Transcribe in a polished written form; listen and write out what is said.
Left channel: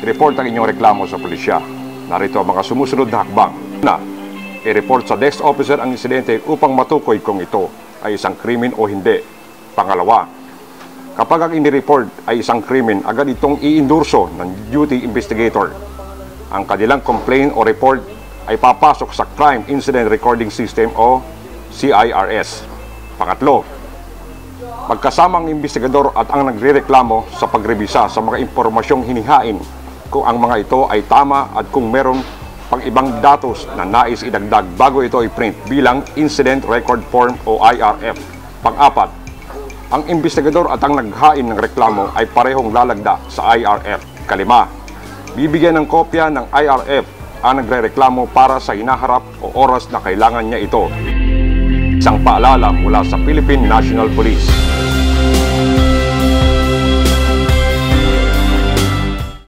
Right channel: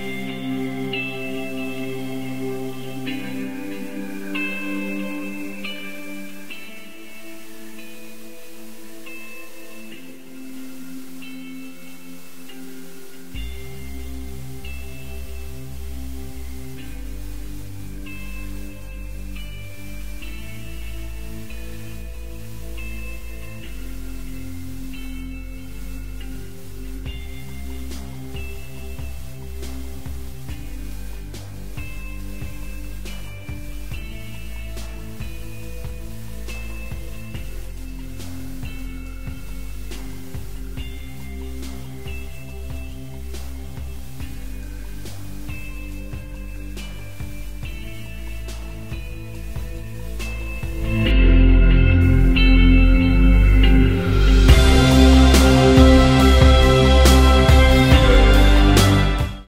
i-report ang inyong reklamo sa pulisya. Narito ang mga sumusunod na hakbang. Una, i-report sa desk officer ang insidente upang matukoy kung ito ay isang krimen o hindi. Pangalawa, kapag ang inireport ay isang krimen, agad itong i-endorso ng duty investigator. Ang kanilang complaint o report ay papasok sa Crime Incident Recording System o CIRS. Pangatlo, magkasama ang investigador at ang nagrereklamo sa pagrebisa sa mga impormasyong hinihain kung ang mga ito ay tama at kung meron pang ibang datos na nais idagdag bago ito i-print bilang Incident Record Form o IRF. Pang-apat, ang investigador at ang naghain ng reklamo ay parehong lalagda sa IRF. Kalima, bibigyan ng kopya ng IRF ang nagrereklamo para sa hinaharap o oras na kailangan niya ito. Isang paalala mula sa Philippine National Police.